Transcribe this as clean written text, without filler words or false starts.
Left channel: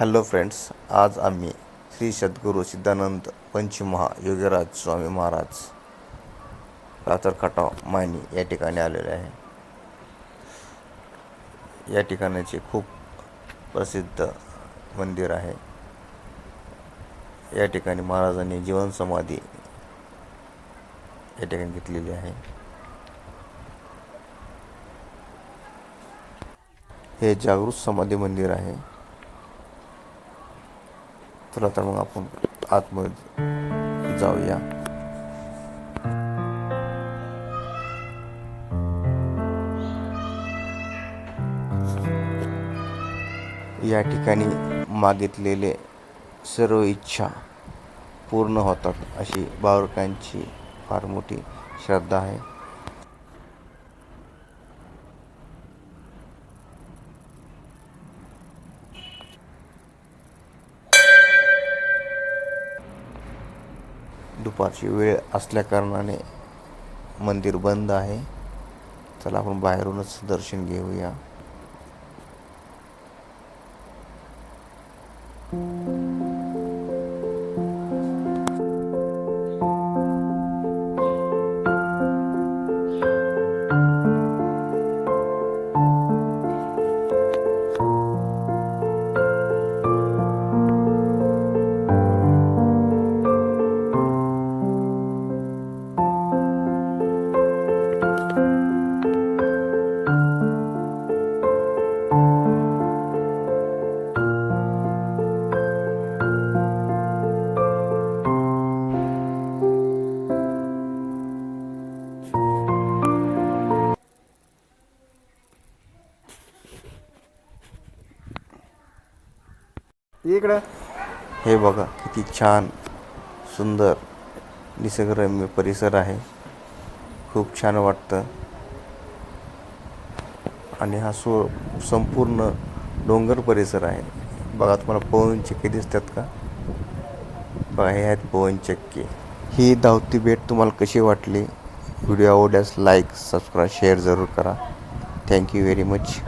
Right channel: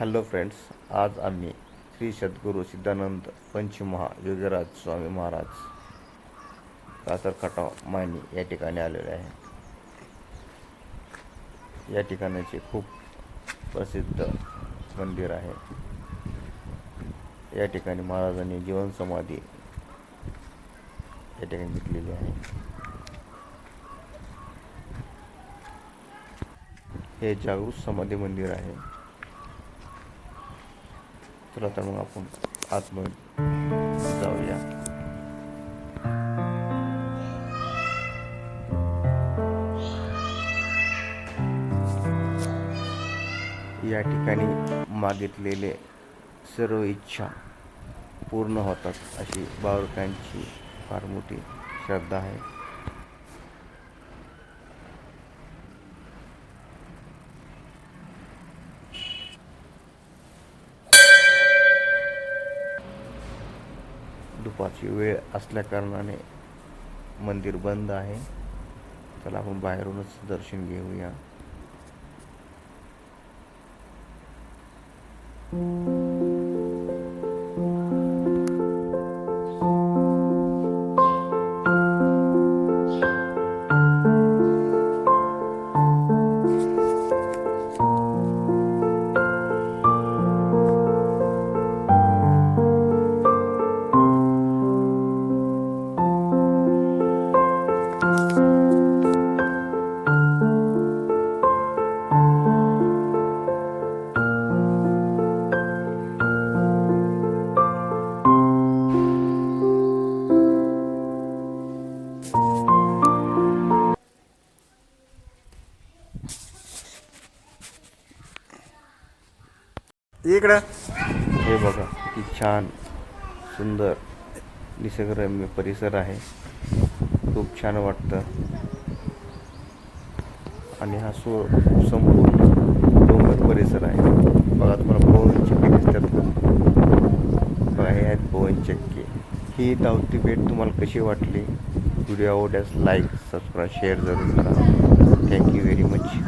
Hello friends, आज आम्ही श्री सद्गुरू सिद्धानंद पंचमहा योगीराज स्वामी महाराज कातरखटाव मायनी या ठिकाणी आलेले आहे. या ठिकाणाचे खूप प्रसिद्ध मंदिर आहे. या ठिकाणी महाराजांनी जीवन समाधी या ठिकाणी घेतलेली आहे. हे जागृत समाधी मंदिर आहे. चला तर मग आपण आतमध्ये जाऊया. या ठिकाणी मागितलेले सर्व इच्छा पूर्ण होतात अशी भाविकांची फार मोठी श्रद्धा आहे. दुपारची वेळ असल्याकारणाने मंदिर बंद आहे. चला आपण बाहेरूनच दर्शन घेऊया. इकडं हे बघा, किती छान सुंदर निसर्गरम्य परिसर आहे. खूप छान वाटतं. आणि हा संपूर्ण डोंगर परिसर आहे. बघा, तुम्हाला पवन चक्की दिसतात का? बघा, हे आहेत पवन चक्की. ही धावती भेट तुम्हाला कशी वाटली? व्हिडिओ आवडल्यास लाईक, सबस्क्राईब, शेअर जरूर करा. Thank you very much.